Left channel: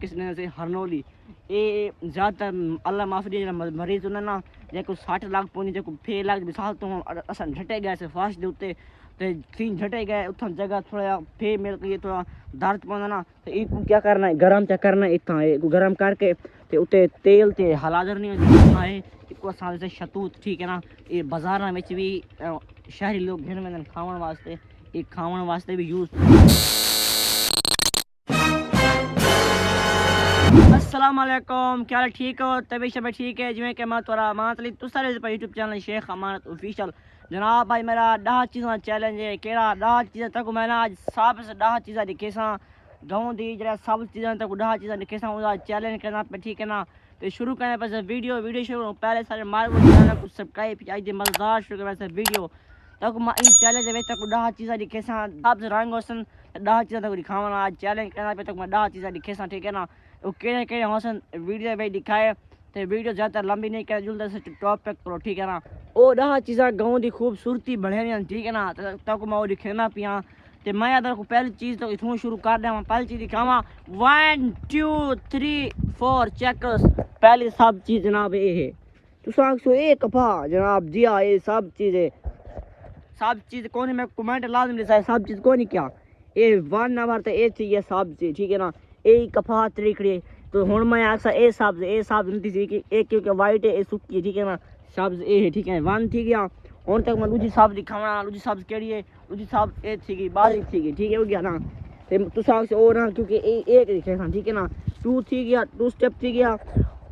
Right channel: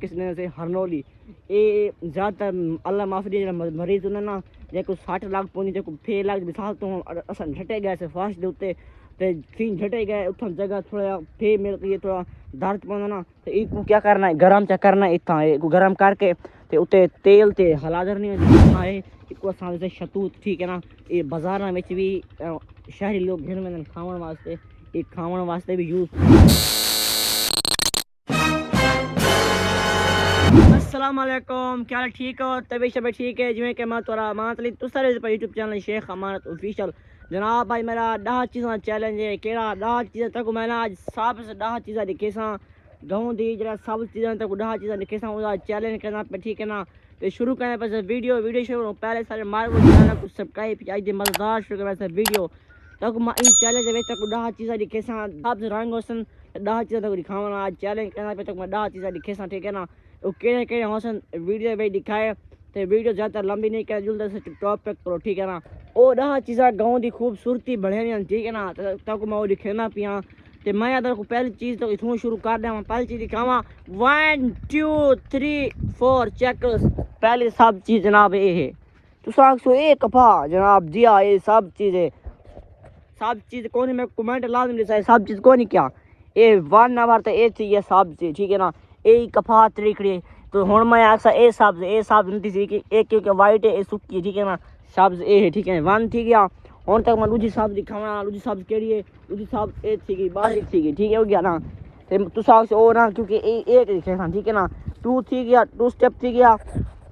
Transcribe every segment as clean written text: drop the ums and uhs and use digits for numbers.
کس نے سے ہرنولی یہ زیادہ تر اللہ معافی مریض انہیں نا جو 60 لاکھ پونی جو 6 لاکھ مثال تو اصل جھٹے گئے سے فاش دے اتنے تے تین جھٹے گئے اتنا جگہ تھوڑا پھے مل گئی تھوڑا درد پوندا نا تو یہ کو کیا کرنا ہے گرم چا کرنا ہے اتنا گرم کر کے تے اتنے تیل تے حلادر نہیں ہونا ہے کو سے شتوت ٹھیک ہے نا یہ بازار میں بھی شہری لوگ گھر میں کھاون واسطے یہ کھاون واسطے بھی یوز. السلام علیکم کیا حال ٹھیک ہو طبیعت شبیت ٹھیک ہے جی کہ میں تھوڑا مانتلی تو سارے یوٹیوب چینل شیخ امانت آفیشل جناب بھائی میرا 10 چیزاں چیلنج ہے کہڑا 10 چیزیں تک میں نے آج سب سے 10 چیزیں دکھے ساں گاؤں دی جڑا سب چیزیں تک 10 چیزیں دکھے ساں وہ چیلنج کرنا پہ ٹھیک ہے نا تو شروع کرنے پہ ویڈیو شروع پہلے سارے مار کو چینل کو سبسکرائب آج مزدار شروع کرنے سے ویڈیو تک میں ان چیلنج میں تک 10 چیزیں دکھے ساں سب سے رنگ ہوسن 10 چیزیں تک دکھاواں آج چیلنج کرنا پہ تک میں 10 چیزیں دکھے ساں ٹھیک ہے نا وہ کہڑے ہوسن ویڈیو میں دکھائے تو ویڈیو زیادہ لمبی نہیں کر جلد سے ٹاپک کرو ٹھیک ہے نا وہ 10 چیزاں گاؤں دی خوبصورتی بڑھے ٹھیک ہے نا تک میں وہ دکھانا پیا تو میں اگر کو پہلی چیز تو اتوں شروع کر دیا پہلی چیز دکھاواں 1 2 3 4 چیک پہلی سب چیز جناب یہ ہے تو سو یہ کپا جناب جی ہاں یہ سب چیز کون میں کمنٹ لازم لکھا سب چیز کون کیا یہ 1 نمبر تو یہ تھی یہ سب چیز ٹھیک ہے نا یہ کپا تریکڑی تو ہوں میں آخسا یہ سبز نہیں سی کہ ایک وائٹ ہے یہ سکی ہے ٹھیک ہے نا سبز یہ ہے ٹھیک ہے 1 تھی گیا ہوں تک میں دوسری سبز دکھاوا دوسری سبز کہڑی ہے دوسری سبز یہ تھی گئی باریک تھی گئی ٹھیک ہے ہو گیا نا تو سب وہ نا کیونکہ ایک دکھے نا ٹھیک ہے نا 2 تھی گیا 2 اسٹیپ تھی گیا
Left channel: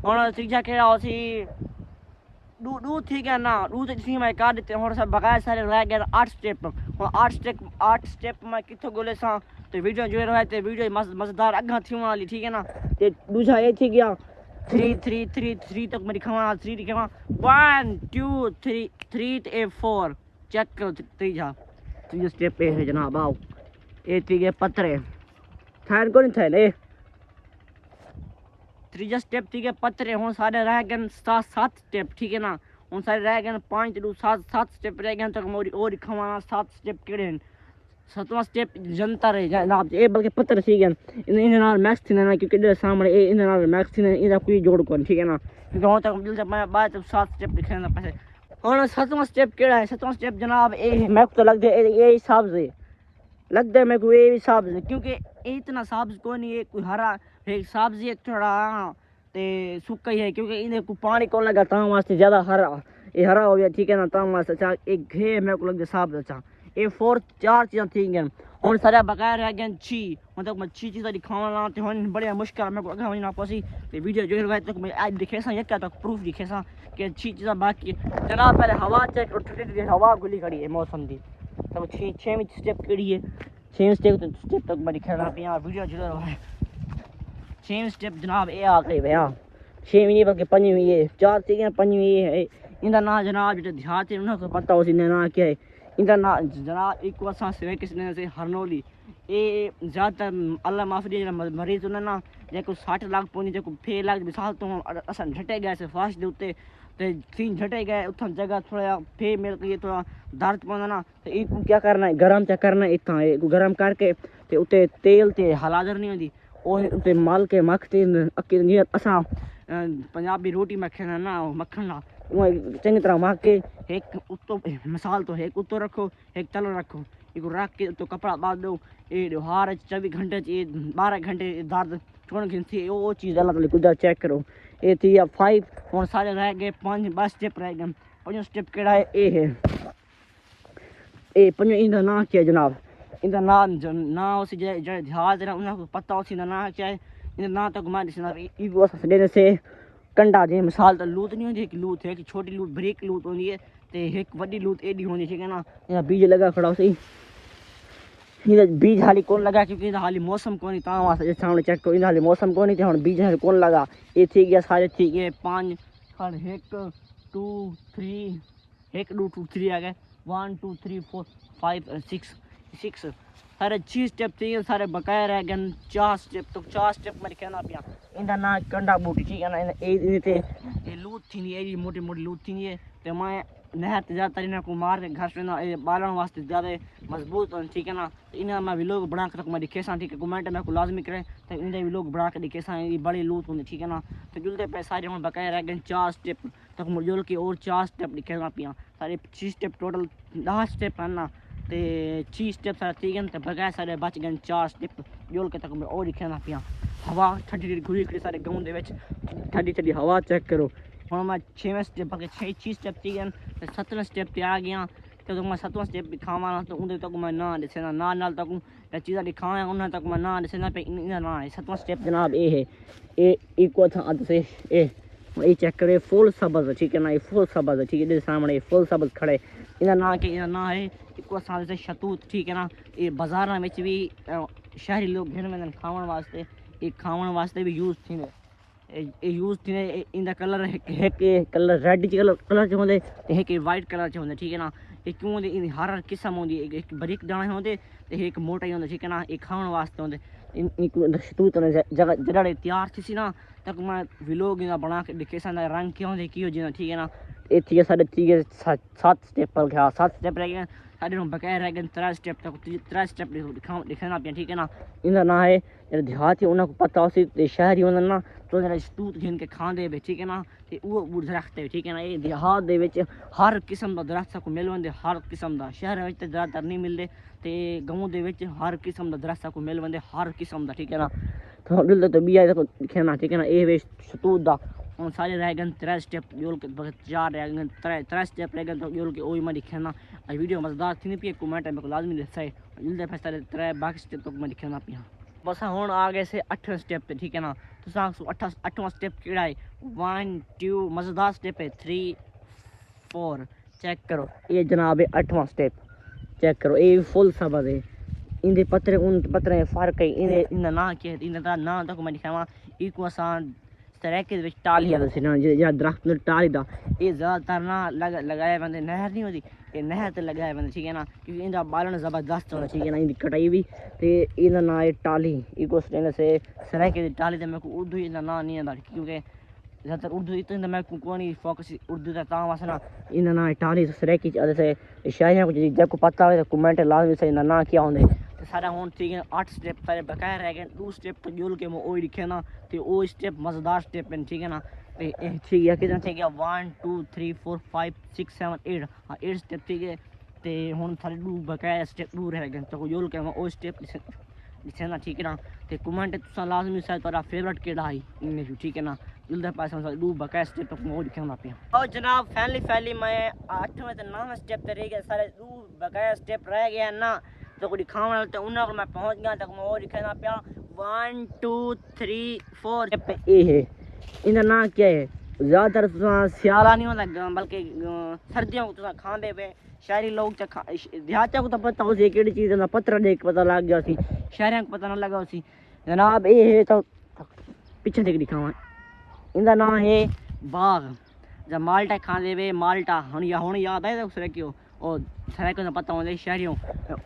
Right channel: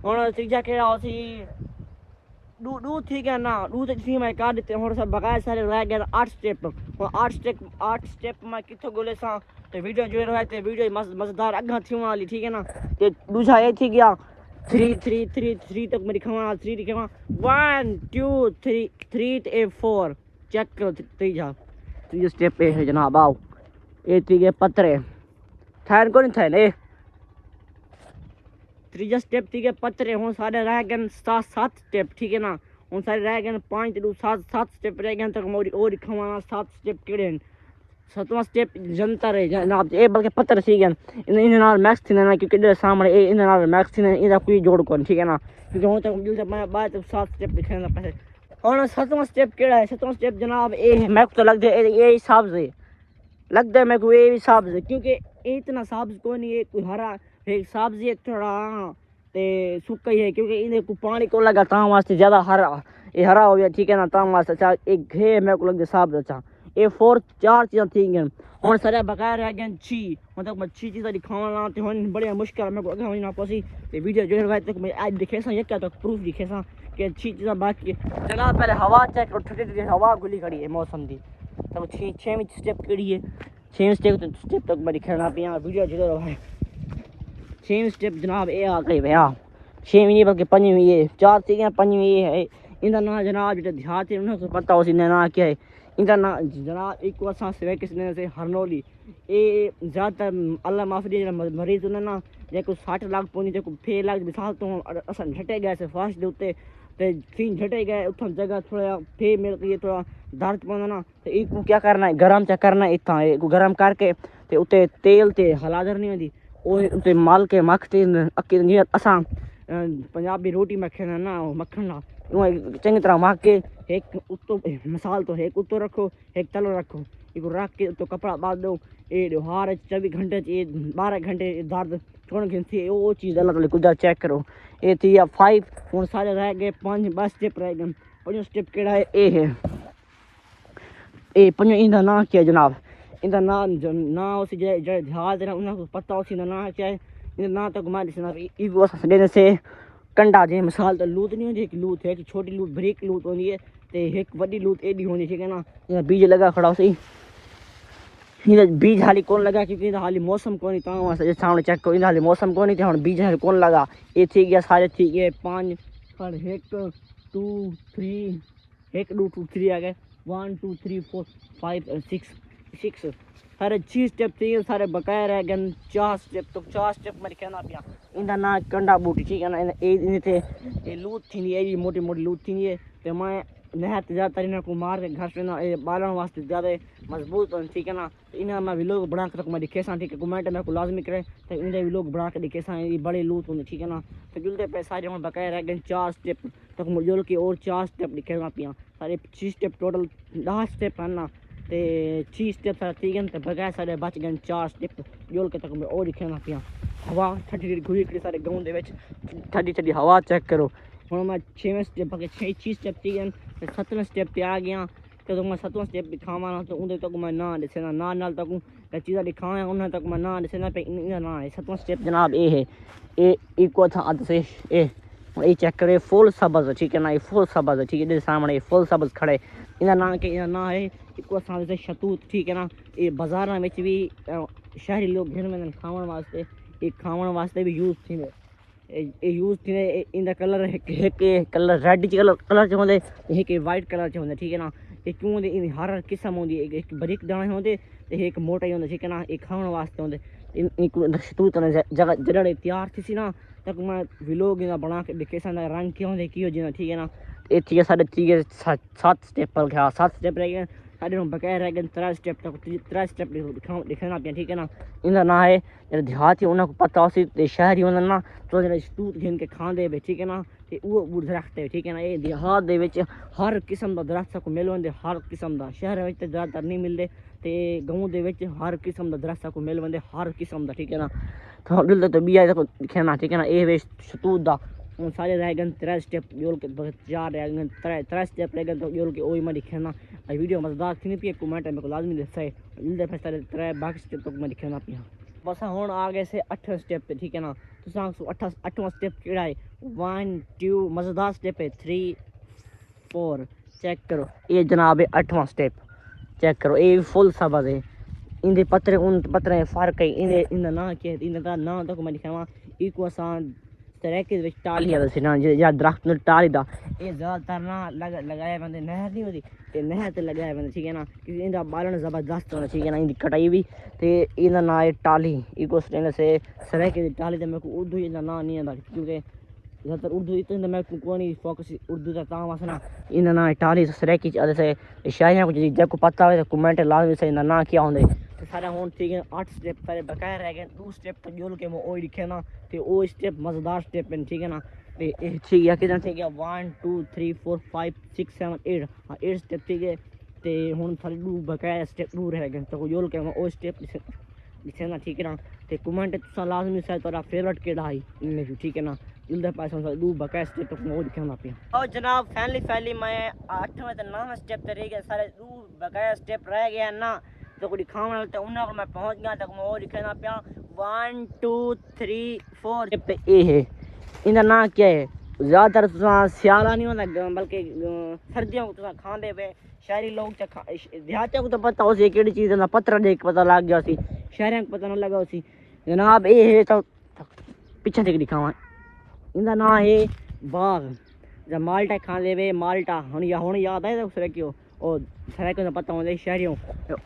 ہوں تیجا کہڑا ہو سی 2 تھی گیا نا 2 تھی میں کر دیتے ہوں سب بغیر سارے رہ گئے 8 اسٹیپ ہوں 8 اسٹیپ میں کتنے گولے سا تو ویڈیو جو رہے تو ویڈیو مزدار اگاں تھی والی ٹھیک ہے نا تو دوسرا یہ تھی گیا 3 تک میں دکھاواں 3 دکھاواں 1 2 3 4 چیک کرو تیجا اسٹیپ یہ ہے جناب آؤ یہ تھی گئے پترے تھین کو نہیں تھین اے تیجا اسٹیپ تھی گئے پترے ہوں سارے رہ گئے 7 اسٹیپ ٹھیک ہے نا ہوں سارے رہ گئے 5 7 اسٹیپ رہ گئے تک اور دکھاواں 7 اسٹیپ کہڑے ہیں 7واں اسٹیپ جنتر ہے جناب یہ بلکہ پتر سی گئے ان میکس تھی نا کیونکہ سامنے ان میکس تھی ان کوئی جوڑ کو ٹھیک ہے نا کیونکہ ہوں تک مل میں بعد 7 اسٹیپ دکھانا پیسے اور 7واں اسٹیپ کہڑا ہے 7واں اسٹیپ جناب یہ میک تو لگ دے یہ سبز ہے لگ دے میرے کو یہ بھی سبز ہے کیونکہ اتنا سبز کو نہیں ہے کوئی ہرا ایک سبزی ہے تھوڑا تے سکا ہی ہے کیونکہ انہیں کو پانی کو لگا تاں واسطے زیادہ ہرا یہ ہرا ہو گیا ٹھیک ہے نا تاں واسطے اچھا ایک گھے میرے کو لگ دے سبز اچھا یہ 4 چیزاں تھی گئیں ہوں سارے بغیر رہ گئے 6 مطلب میں 6 چیزیں دکھاواں تو ہوں بڑے مشکل میں کو اگاں ہونا پوسی تو ویڈیو جو ہے تک میں آج دکھے سا یہ کیا تک پروف دکھے سا کہ 6 چیزیں باقی جناب پہلے ہوا چیک اور ٹھنڈی ہوا گلی کھڑی ہے موسم دی تو 6 اسٹیپ کہڑی ہے 6 اسٹیپ تک میں دکھانا پیا ویڈیو جو رہا ہے 6 اسٹیپ جناب یہ آ گئی بھیا 6 نہیں بلکہ 5ویں یہ 4 تھی گئے 5ویں یہ ہے ان کا نام جناب جو دیہات ہے انہیں کو پتہ ہو سی نام کیا ہے ان کا نام جناب ایک واسطہ سے کس نے سے ہرنولی یہ زیادہ تر اللہ معافی مریض انہیں نا جو 60 لاکھ پونی جو 6 لاکھ مثال تو اصل جھٹے گئے سے فاش دے اتنے تو تین جھٹے گئے اتنا جگہ تھوڑا پھے مل گئی تھوڑا درد پوندا نا تو یہ کو کیا کرنا ہے گرم چا کرنا ہے اتنا گرم کر کے تو اتنے تیل تے حلادر نہیں ہوتی وہ اتنے مل کے مکھتے اکی اساں پنجابی روٹی مکھنا نا مکھن نا چنگی طرح مکھ کے ایک اتو مثال تو ایک اتو رکھو ایک تلو رکھو یہ رکھ کے تو کپڑا باندھ دو یہ ہار 24 گھنٹے 12 گھنٹے درد چھوڑ گھنسی وہ چیز اللہ تعالی قدرت چیک کرو یہ تھی 5 ہوں سارے رہ گئے 5 بس اسٹیپ رہ گئے 5 اسٹیپ کہڑا ہے یہ ہے یہ 5 ان کا نام کیا جناب ان کا نام اسی جہاز ہے انہیں کو پتہ اسی کا نام کیا ہے ان نام تک میں دینے سے کنڈا جی مثال تو لوت نہیں ہوتی ایک لوت ہے ایک چھوٹی لوت بریک لوت ہوتی ہے تو ایک وڈی لوت ایڈی ہونی ٹھیک ہے نا بیج لگا کھڑا سی بیج حالی کون لگا کیونکہ حالی موسم کون تا واسطے سامنے چیک کرو حالی موسم کون تھے ہوں بیج حالی کون لگا یہ تھی گیا سارے تھی گئے 5 1 2 3 1 2 3 آ گئے 1 2 3 4 5 6 سارے 6 اسٹیپ تھی سارے بقایا رہ گئے 4 اسٹیپ تو 4 اسٹیپ میں کہنا پیا ان کا نام کنڈا بوٹی ٹھیک ہے نا یہ لوت تھی موٹی موٹی لوت تھی تو میں نہر تے زیادہ تر انہاں کو مار کے گھر سنا بالن واسطے زیادہ مضبوط ہون ٹھیک ہے نا. انہاں میں ویلوگ بنا کے میں دکھے سان ٹھیک ہے. کمنٹ میں کو لازمی کرے تے انہاں ویلوگ بنا کے دکھے سان. یہ بڑے لوٹ ہوندے ٹھیک ہے نا. تو جلدے پہ سارے ہن بقایا رہ گئے 4 سٹیپ تک مجول کے اور 4 سٹیپ دکھے نا پیاں. سارے 6 سٹیپ ٹوٹل 10 سٹیپ ہیں نا تے 6 سٹیپ سارے ٹھیک ہیں تے بقایا سارے بچ گئے 4 سٹیپ جول کے تک میں اور دکھے نا پیاں. ہوا ٹھنڈی گھری کڑی سارے گاؤں دے وچ ٹھنڈی ٹھنڈی ہوا چیک کرو. ہن میں 6ویں سٹیپ کے 6 سٹیپ ٹھیک ہیں تے 7ویں سٹیپ تے آ گیا. تو میں 7واں سٹیپ دکھاواں نا تو اون تک میں نا دسے نا نال تک چیزاں دکھاواں انہاں تک میں نا دسے نا پہ انہاں نا 7واں سٹیپ جناب اے ہے. اے کو تھا سے اے چیک کرے فل سبز ٹھیک ہے نا. یہ فل سبز ٹھیک ہے. سامنے فل سبز کھڑے انہاں نا کہ انہاں نا ہے کو سان سے شتوت ٹھیک ہے نا. یہ بازاراں وچ بھی شہری لوگ گھن میں کھاون واسطے یہ کھاون واسطے بھی یوز تھیندے. اے یوز تھیندے. ان دا کلر ایک کلر ریڈ کلر چ ہوندے ایک وائٹ کلر چ ہوندے ٹھیک ہے نا. یہ کیوں ہوندے ان ہر قسم ہوندی. ایک باریک دانے ہوندے تے ایک موٹے ہوندے ٹھیک ہے نا. یہ کھاون واسطے ہوندے. ان شتوت جگہ تیار تھی سی نا تک میں ویلوگ انہاں بنا کے دکھے سان. رنگ کیوں ہوندے کی ہو جانا ٹھیک ہے نا. یہ ٹھیک ہے سارے ٹھیک ہے 7 سٹیپ ہو گیا. 7 سٹیپ رہ گئے سارے بقایا رہ گئے 3 سٹیپ تک 3 سٹیپ دکھانا پیا ٹھیک ہے نا. انہاں نا ہے دیہاتی انہاں کو پتہ ہو سی شہری ہوندے نا تو شتوت گھن کے کھاندے وے ٹھیک ہے نا. تے وہ درخت ہے ٹھیک ہے نا. یہ دیہات دے وچ ہر قسم دا درخت کو مل وندے. ہر قسم دا شہر وچ تے زیادہ تر نہیں ملدے تے گاؤں دے وچ ہر قسم دا درخت کو مل وندے. ہر قسم دا ٹھیک ہے نا. تو دل تے بھی آئے تو دکھنا ٹھیک ہے نا. اے وے شتوت دا ہن سارے رہ گئے 3 سٹیپ جول کے 4 رہ گئے 3 سٹیپ رہ گئے تو جول کے اوہی میں دکھنا. ویڈیو مزیدار تھی پی کمنٹ میں کو لازمی دسے. جلدی پہ سارے 3 باقی سٹیپ تک میں دکھنا پیا. بس ہن آ گئے سے 8 سٹیپ تے ٹھیک ہے نا. تساں 8واں سٹیپ کیڑا ہے 1 2 مزیدار سٹیپ ہے 3 4 چیک کرو. یہ جناب 8واں سٹیپ چیک کرو. یہ فل سبز ہے. ان دے پترے ان پترے فرق ہے. ان دا نا کیا ہے ان دا نا تک میں دکھاواں. ایک آسان سریکے وچ ٹالی دا یا درخت ٹالی دا. یہ زیادہ تر نا لگائے بندے نہر نہیں ہوتی. یہ نہر تے لگائے بندے ٹھیک ہے نا. کیونکہ ان دا بالن زبردست ہونا ٹھیک ہے نا. ان دی کٹائی بھی تے ان دا نا ہے ٹالی. ایک سے سریکے دی ٹالی تے میرے کو اردو ان دا نا نہیں آندا کیونکہ زیادہ تر اردو اتنا میں کو نہیں فوکس اردو دا تاں واسطے نا ان دا نا ہے ٹالی سریکی سے شاعریاں کو جے کو پتہ ہوے تو کمنٹ لازمی سے ان دا نا کیا ہوندے. تے سارا ہون ٹھیک ہے 8 سٹیپ سارے بقایا رہ گئے. 2 سٹیپ تو جول کے میں اوہی لکھے نا تے او سٹیپ مزیدار سٹیپ ہیں ٹھیک ہے نا. تے ٹھیک ہے کتنا ٹھیک ہے 1 2 3 4 5 6 7 8 ہاں 8 سٹیپ ٹھیک ہے. تے ہن سارے 2 بقایا سٹیپ 2 رہ گئے تو جول کے میں او سٹیپ لکھے نا ٹھیک ہے نا. تے کمنٹ تساں لازمی سے تہاڈا فیورٹ کیڑا ہے ان وچ ٹھیک ہے نا. جلدی پاسے 2 بقایا سٹیپ تک میں دکھانا پیا. اور جناب فائنلی میں 8ویں تے 9ویں سٹیپ تے رہ گئے سارے 2 بقایا سٹیپ رہ گئے نا تو کوئی دکھاؤں تے انہاں پر میں پہنچ گیا تک میں وہ دکھانا پیا 1 2 3 4 تے اے ہے. ان دا نا کیا ہے زیادہ تر سیالہ نہیں ہوتا بلکہ سردیوں کو تساں کھاندے پے. شہری لوگ دیہاتیوں کو تو پتہ ہو سی کیڑی چیز ہے پتھر دیکھ پتہ لگ گیا سی. شہریوں کو پتہ نہ لگا سی. جناب اے ہے تو پیچھے ٹیک دکھاواں. ان دا نا ہے باغ. جب مالٹا کھاندے وے مالٹا ہن یاد آئے تو سرے کیوں او سرے کو پتہ ہوندے شہریوں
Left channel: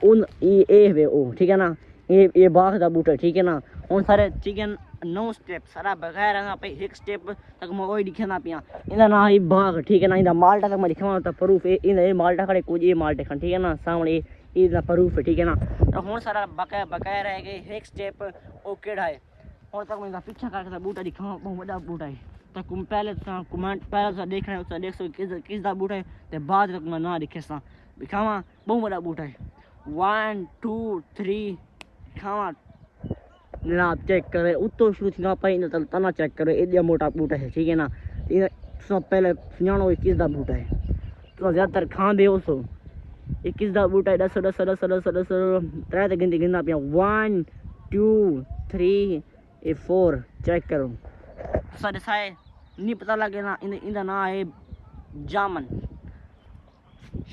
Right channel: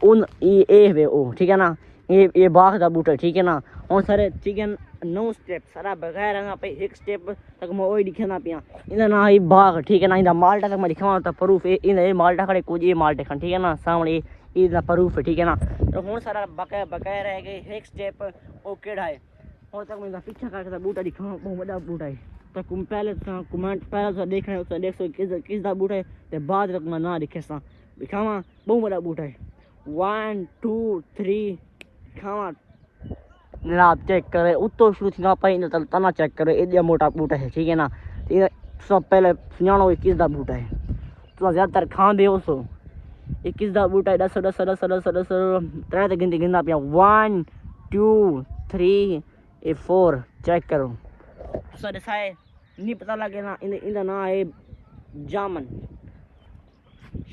ان اے وے او ٹھیک ہے نا. یہ باغ دا بوٹا ٹھیک ہے نا. ہن سارے ٹھیک ہے 9 سٹیپ سارا بغیر رہنا پہ 1 سٹیپ تک میں وہی دکھنا پیا. ان دا نا ہے باغ ٹھیک ہے نا. ان دا مالٹا تک میں دکھاواں تو پروف ان دا مالٹا کھڑے کچھ یہ مالٹے کھن ٹھیک ہے نا. سامنے یہ دا پروف ہے ٹھیک ہے نا. تو ہن سارا بقایا رہ گئے 1 سٹیپ او کیڑا ہے. ہن تک میں پیچھے کر کے بوٹا دکھاواں بہت بڑا بوٹا ہے. تو پہلے کمنٹ پہلے دیکھنا ہے دیکھ سو کس دا بوٹا ہے تے بعد تک میں نا دکھے سا دکھاواں بہت بڑا بوٹا ہے 1 2 3 دکھاواں. جناب چیک کرے اتو شروع تھی پہ تنا چیک کرے ایڈیا موٹا بوٹا ہے ٹھیک ہے نا. سب پہلے سنانا ہوئے کس دا بوٹا ہے. تو زیادہ تر کھاندے ہو سو یہ کس دا بوٹا ہے. دس 3 گنتی گننا پیا 1 2 3 4 چیک کرو. سارے سائے نہیں پتہ لگے نا ان دا نا ہے جامن.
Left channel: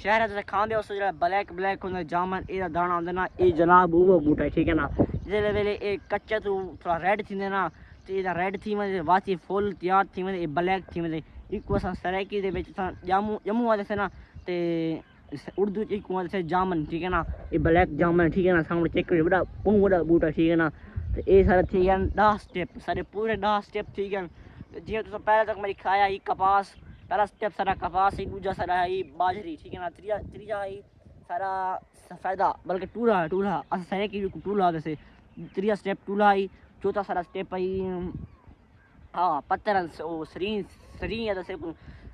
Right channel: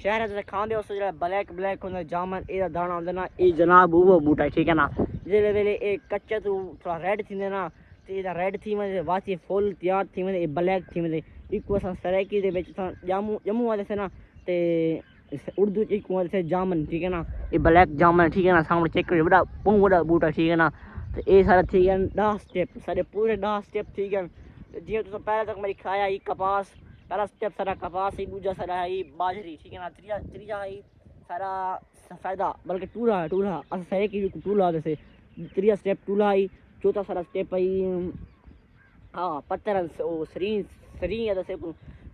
شہر سے کھاندے ہو سو جڑا بلیک ہوندا جامن. اے دا دانا ہوندا نا اے جناب وہ بوٹا ہے ٹھیک ہے نا. جلے ویلے اے کچا تو تھوڑا ریڈ تھیندے نا تے دا ریڈ تھی وندے واچی فل تیار تھی وندے بلیک تھی وندے. ایک اساں سرائکی دے وچ جموں والے سے نا تے اردو ایک والے سے جامن ٹھیک ہے نا. یہ بلیک جامن ٹھیک ہے نا. سامنے چیک کرو بڑا بہت بڑا بوٹا ٹھیک ہے نا. تے اے سارے ٹھیک ہے 10 سٹیپ سارے پورے 10 سٹیپ ٹھیک ہے. جی تو پہلے تک میں دکھایا یہ کپاس پہلا سٹیپ سارا کپاس ہی، دوجا سارا ہے باجری، ٹھیک ہے نا، تیجا ہے سارا سفیدہ، بلکہ ٹورا اصل سارے کی ٹولا جیسے تیجا سٹیپ ٹولا ہے، چوتھا سارا سٹیپ ہے ہاں پتر سرین جیسے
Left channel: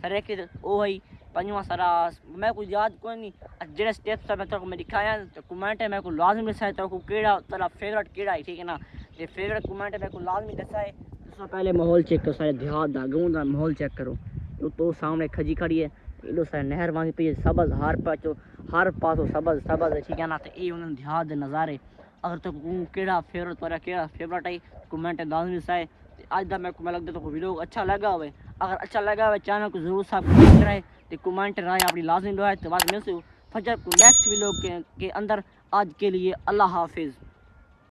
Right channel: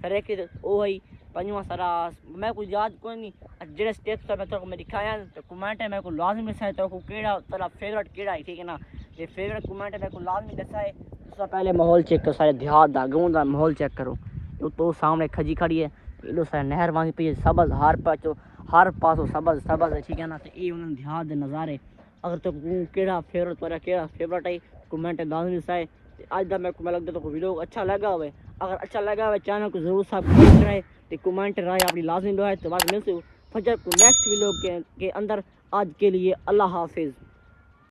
سارے کے وہ ہے، پنجواں سارا میں کوئی یاد کوئی نہیں، جڑے سٹیپس میں تو میں دکھایا تو کمنٹ ہے میں کو لازمی دسائے تو کیڑا تیرا فیورٹ کیڑا ہے، ٹھیک ہے نا، یہ فیورٹ کمنٹ ہے میں کو لازمی دسائے۔ اس سے پہلے ماحول چیک کرو، سارے دیہات دا گاؤں دا ماحول چیک کرو، تو سامنے کھجی کھڑی ہے، ایڈو سارا نہر وانگی پئی ہے، سبز ہر پاسوں سبز ہے، ٹھیک ہے نا، تو یہ انہوں دیہات دے نظارے۔ اگر تو کیڑا فیورٹ ہے کمنٹ لازمی دسائے۔ اج دا میں لگتا تو ویڈیو اچھا لگا ہوئے، اگر اچھا لگا ہوئے چینل کو ضرور سبسکرائب کرائے، تو کمنٹ رائے اپنی لازمی دعائے، تو بعد ملتے فجر کو نیکسٹ ویڈیو کے اندر۔ آج کے لیے اللہ حافظ۔